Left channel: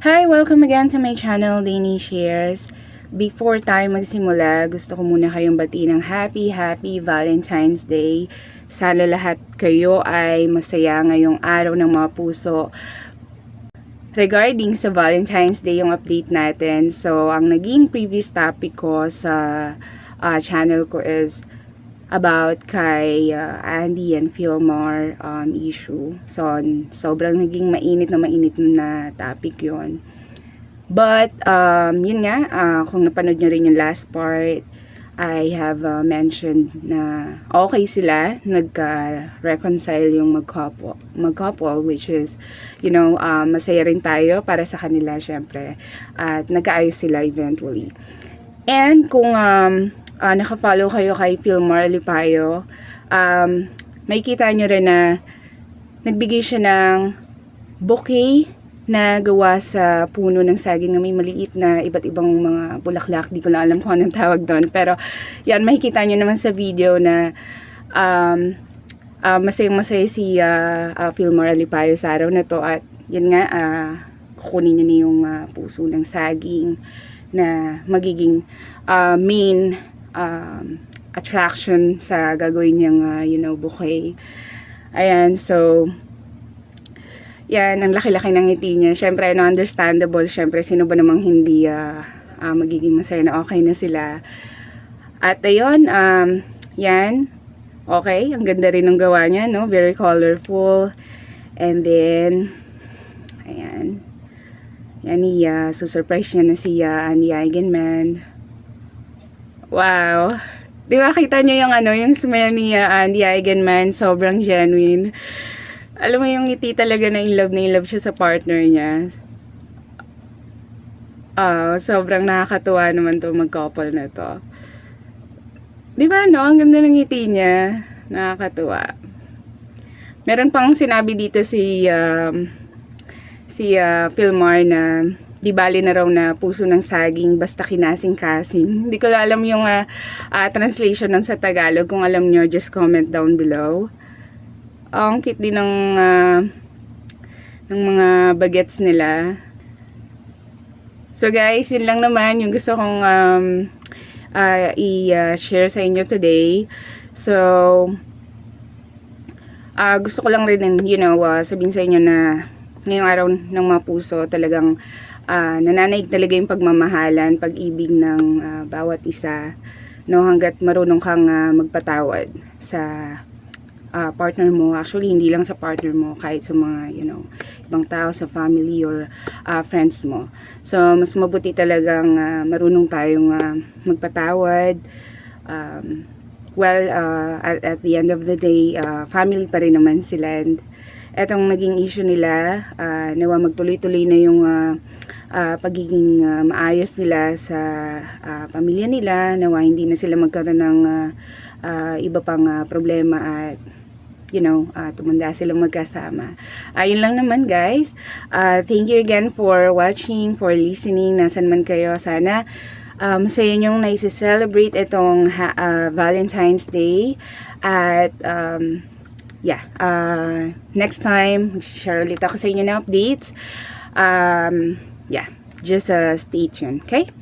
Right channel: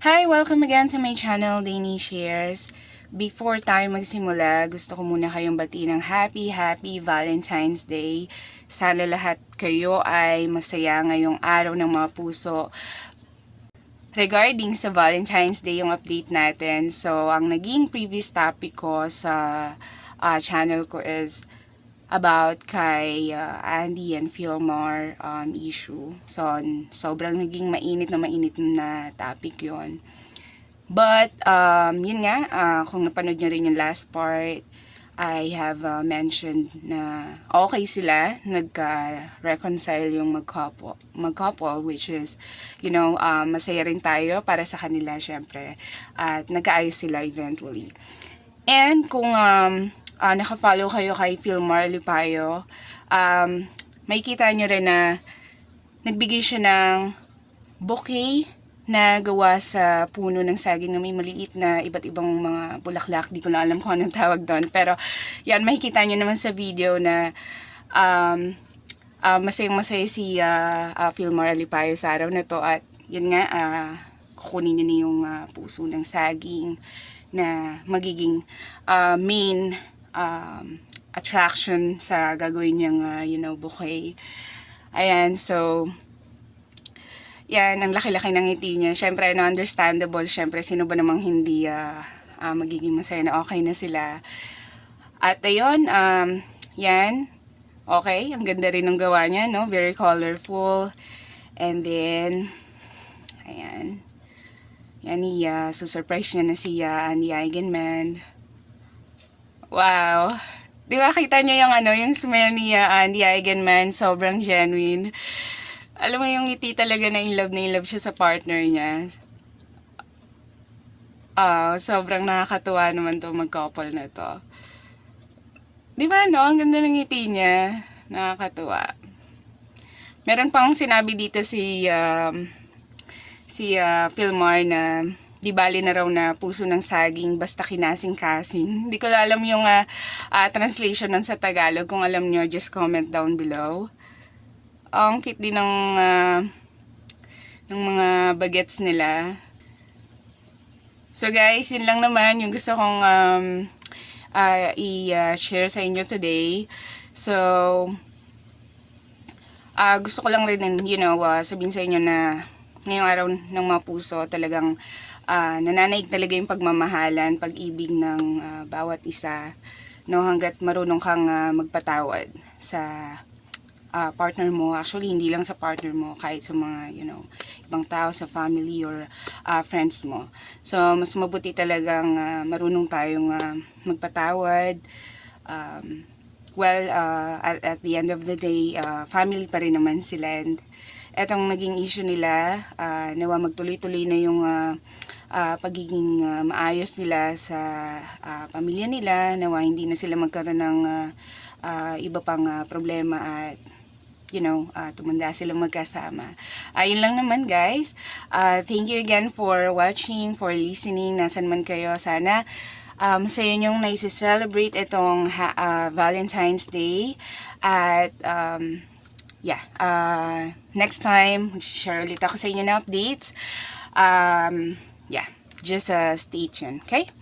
Hi! Welcome again to my channel, Dainy Shares. Before tayo magsimula, gusto ko muna kayong batiin ng Happy Valentine's Day. Sana lahat kayo ay masaya ngayong araw ng mga puso. Regarding sa Valentine's Day yung update natin, so ang naging previous topic ko sa channel ko is about kay Andy and Fillmore issue. So, sobrang naging mainit na topic yon. But, yun nga, kung napanood nyo rin yung last part, I have mentioned na okay sila, nagka-reconcile yung mag-couple, which is, masaya rin tayo para sa kanila, syempre. At nagkaayos sila eventually. And kung naka-follow kayo kay Fillmore Alipayo, may kita nyo rin na nagbigay siya ng bouquet na gawa sa puno ng saging na may maliit na iba't ibang mga bulaklak. Di ko na alam kung anong tawag doon. Pero yan, makikita nyo naman sa video na masayang-masaya si Fillmore Alipayo sa araw na to. At yan nga, kukunin niya na yung puso ng saging na magiging main attraction sa gagawin niyang bouquet. Ayan, so yan, ang laki-laki ng ngiti niya. Syempre, understandable. Syempre, sino ba namang hindi magiging masaya na okay na sila. At ayun, yan. Okay, ang ganda rin ng gawa niya, no? Very colorful. And then, ayan. Yan, susurprise niya na si Andy Eigenman. Wow. Di ba, kita niyo yung smile ni Andy Eigenman, sobrang genuine. Alam mo yung ngiti talaga na in love siya sa partner niya. Sobrang nakakatuwa naman to mag-couple na to. Di ba, no? Ang ganda ng ngiti niya. Nakakatuwa. Meron pang sinabi dito si Fillmore na di bali na raw na puso ng saging basta kinasing-kasing. Hindi ko alam yung translation ng sa Tagalog. Kung alam nyo, just comment down below. Ang cute din ng mga bagets nila. So guys, yun lang naman yung gusto kong i-share sa inyo today. So, gusto ko lang rin sabihin sa inyo na ngayong araw ng mga puso talagang nananaig talaga yung pagmamahalan, pag-ibig ng bawat isa, no, hanggat marunong kang magpatawad sa partner mo. Actually, hindi lang sa partner mo, kahit sa mga ibang tao, sa family or friends mo. So, mas mabuti talagang marunong tayong magpatawad. At the end of the day, family pa rin naman sila. And etong naging issue nila, nawa magtuloy-tuloy na yung pagiging maayos nila sa pamilya nila, nawa hindi na sila magkaroon ng iba pang problema at tumanda silang magkasama. Yun lang naman guys. Thank you again for watching, for listening, nasan man kayo. Sana sa inyong naisi-celebrate itong Valentine's Day. At next time, share ulit ako sa inyo na updates. Just stay tuned, okay?